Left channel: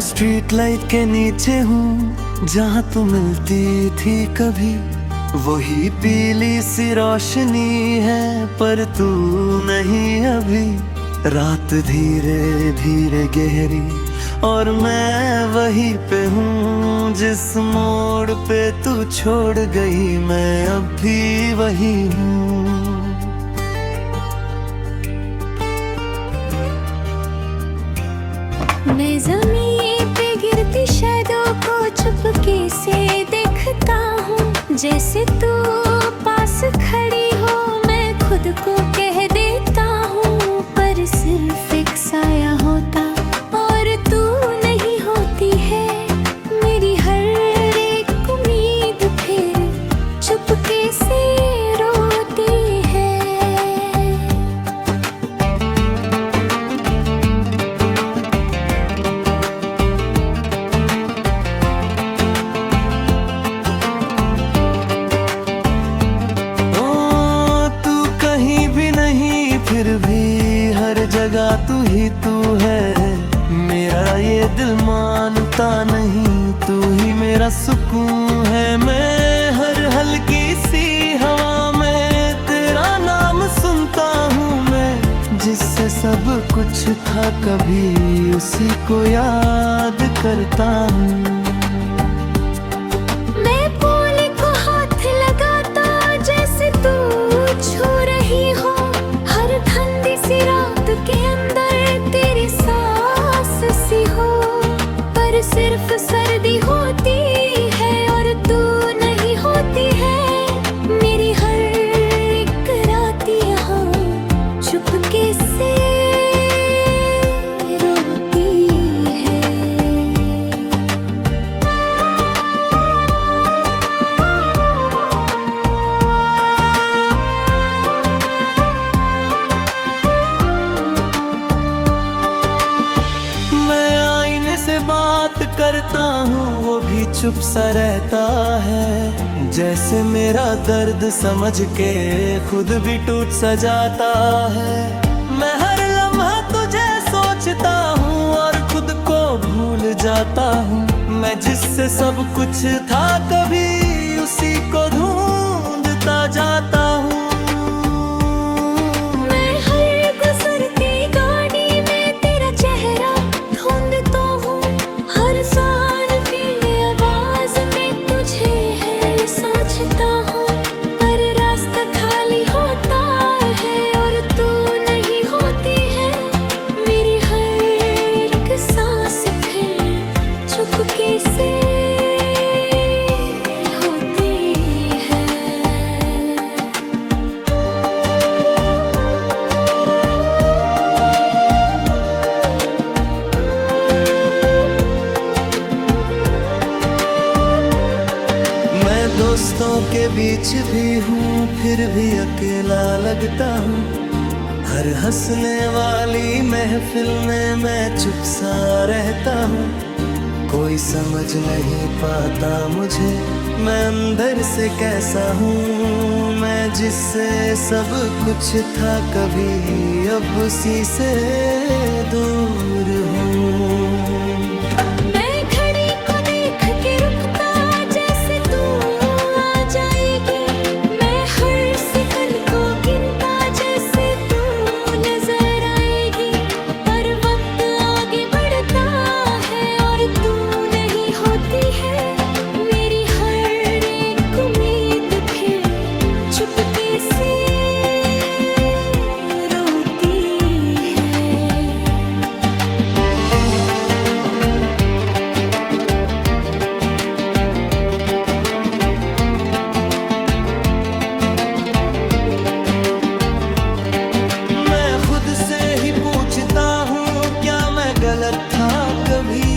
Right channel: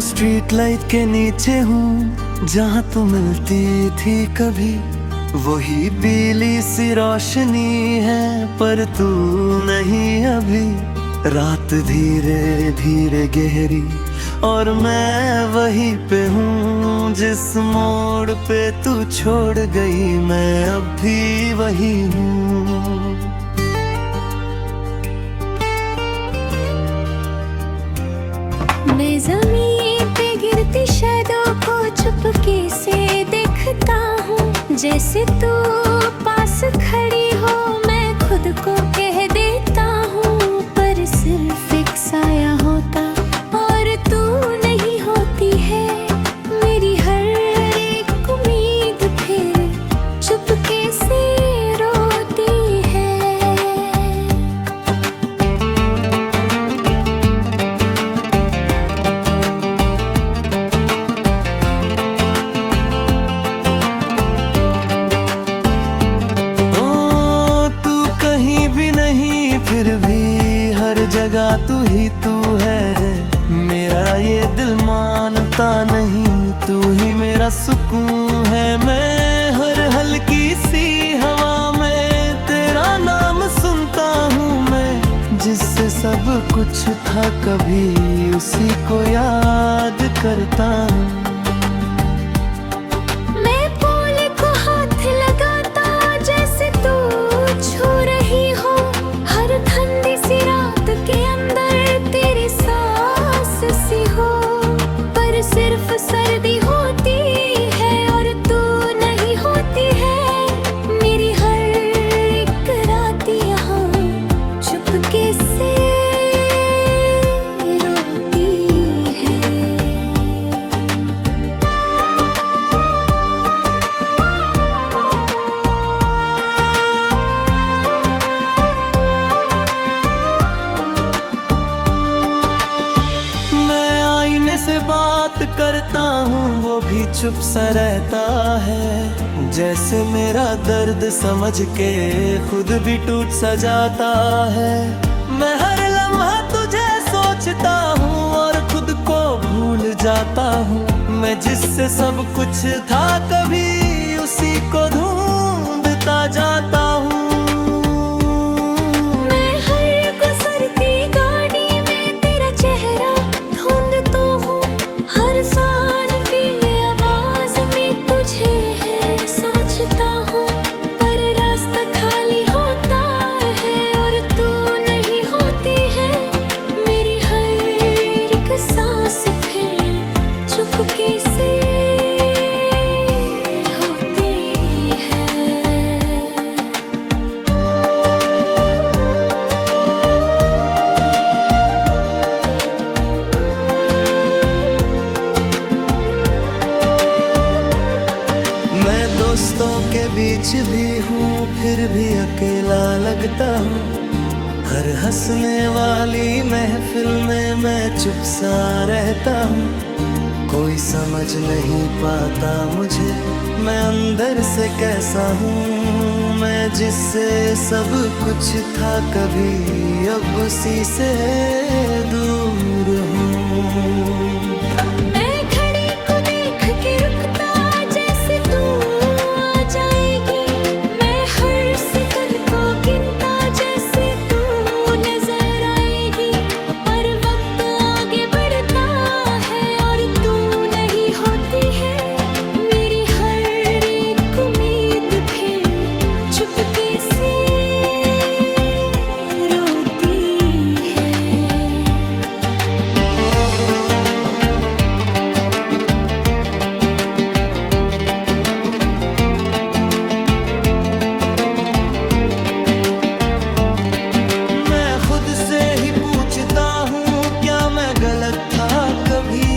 Street light के नीचे हूँ जहाँ तू मिलती थी कभी। वही पीली सी रोशनी है पर तू नहीं अभी। रात धीरे धीरे गहरी और मैं वहीं पे हूँ जिस मोड़ पे तू छोड़ गई, मैं अब भी वही हूँ। मैं ज़मीन पे गिरती शैडो को चुपके से देखता हूँ। जैसे तू पास खड़ी हो मैं खुद को कह देता हूँ, पर सिर्फ एक साया होता और तू नहीं होती है। मेरी हर एक उम्मीद फिर चुपके से रोती है। फिर भी हर जगह तू ही तू है। मेरा ये दिल मानता नहीं, तू ही मेरा सुकून है। मैं हर हल्की सी हवा में तेरा नाम सुनता हूँ। मैं जिससे सब कुछ था कभी उसी को याद करता हूँ। मैं बोले को हाथ लगाता जैसे तू छू रही हो। हर ठंडी सी रात के अंदर तेरी सांस सी हो, पर सिर्फ सर्दी होती है और तू नहीं होती है। मेरी हर एक रात यहाँ चुपके से रोती है। से बात करता हूँ वो भी चुप सा रहता है। जैसे मेरा दर्द समझ के खुद भी टूट सा जाता है। मैं हर लम्हा तुझे सोचता हूँ और खुद को भूल जाता हूँ। मैं जिससे सब कुछ था कभी उसी को ढूंढता जाता हूँ। पर रास्ता खाली होता है और तू नहीं होती है। मेरी हर एक सांस फिर चुपके से होती है। मैं दोस्तों के बीच भी हूँ फिर भी अकेला लगता हूँ। हर हंसने वाली महफिल में मैं चुप सा रहता हूँ। कोई समझ नहीं पाता मुझे मैं अंदर से कैसा हूँ। मैं जिससे सब कुछ था कभी अब उसी से दूर हूँ। मैं घड़ी को देख के रुकता जैसे तू आ जाएगी। मैं हर सेकंड को गिनता जैसे तू नजर आएगी। पर वक्त आगे बढ़ता है और तू नहीं होती है। मेरी हर एक उम्मीद फिर चुपके से रोती है। पूछता हूँ क्या मैं गलत था कभी।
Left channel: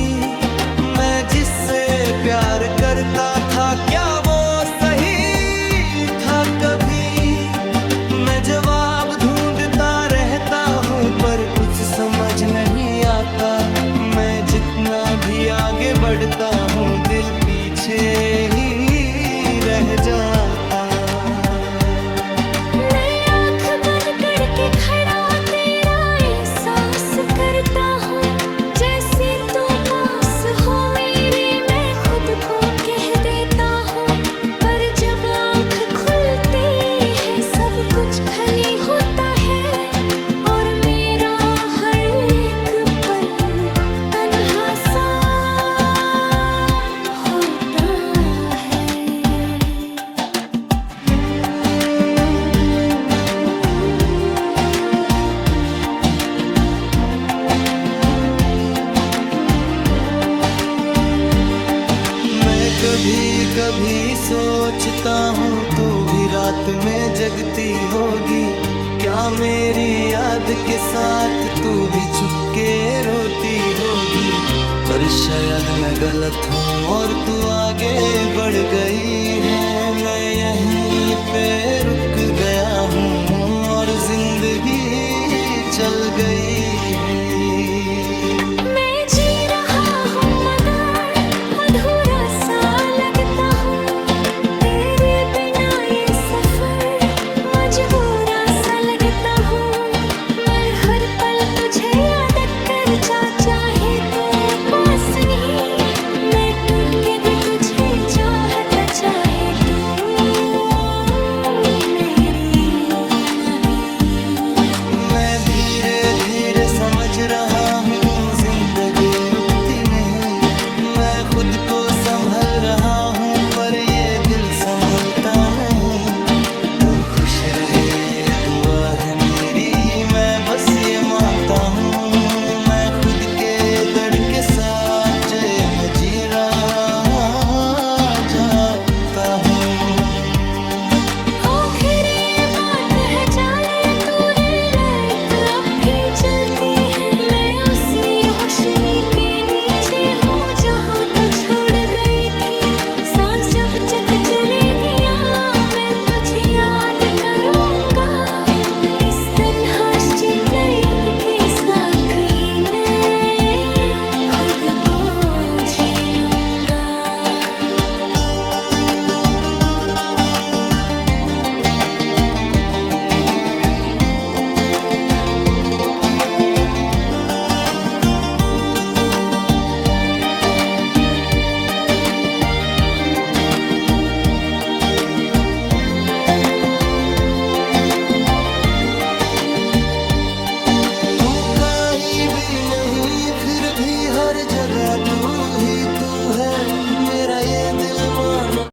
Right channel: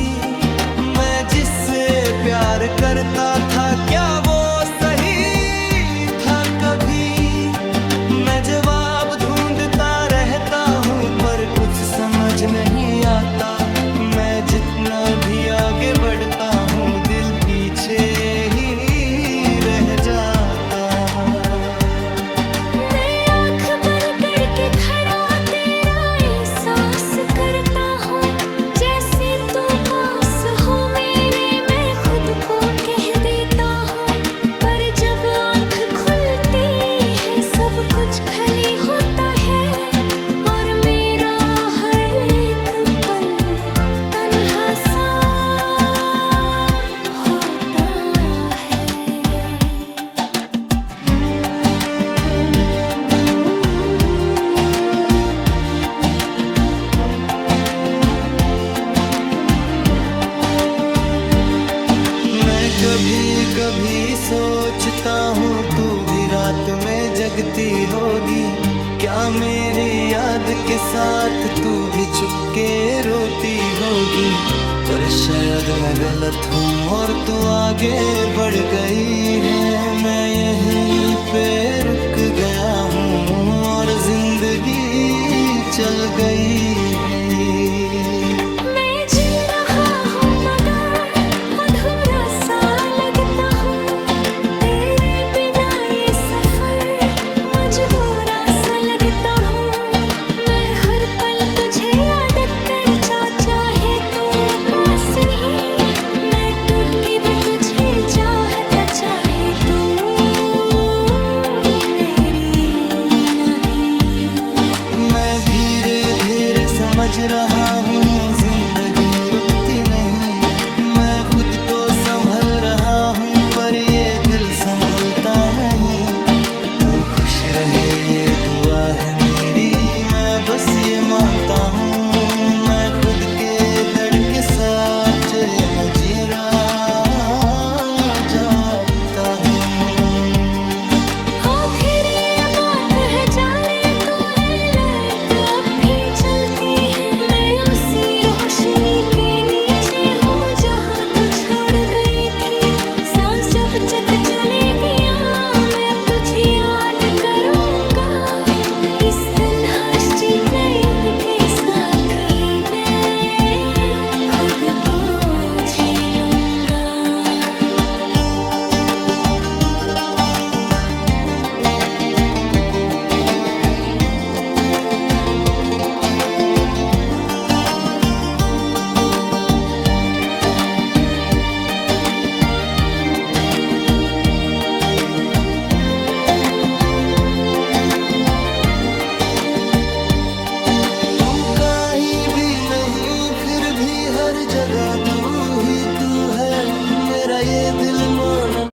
मैं जिससे प्यार करता था क्या वो सही था कभी। मैं जवाब ढूंढता रहता हूँ पर कुछ समझ नहीं आता। मैं जितना भी आगे बढ़ता हूँ दिल पीछे ही रह जाता। मैं आँख बंद करके खड़ा तेरा एहसास करता हूँ। जैसे तू पास कह देता हूँ, पर जब आँख खुलती है सब कुछ खाली होता है और मेरा हर एक पल तन्हा सा होता है। मैं कभी कभी सोचता हूँ तू भी रात में जगती होगी, क्या मेरी याद के साथ तू भी चुपके रोती होगी। पर शायद मैं गलत हूँ और तू आगे बढ़ गई है, मैं यहीं पे रुक गया हूँ और जिंदगी चल गई है। मैं जी रहा हूँ मगर अधूरा सा लगता हूँ, तेरे बिना ये सफर मजबूरा सा लगता हूँ। मैं हर पल तुझे याद करता, चाहे तू पास नहीं, मैं टूट के भी तुझे चाहता, चाहे तू मेरी नहीं। मैं धीरे धीरे समझ रहा हूँ जिंदगी रुकती नहीं, मैं खुद को संभल रहा हूँ पर ये दिल संभलता नहीं। तू खुश रहे ये दुआ है मेरी, मैं बस ये मानता हूँ, मैं खुद के दर्द के साबजे में जी रहा जाता हूँ। हो फिर ये बात है जाने तू है रात अब भी चलती है, मैं उसी रोशनी के नीचे हूँ जहाँ तू छोड़ गई थी। सांस जब चट चलेगी मैं तुझे याद करूँगा, इस तन्हा स्ट्रीट लाइट के साथ ही मैं खुद को जी लूँगा। तू कहीं भी नहीं फिर भी हर जगह तू ही तू है, मेरा ये दिल मान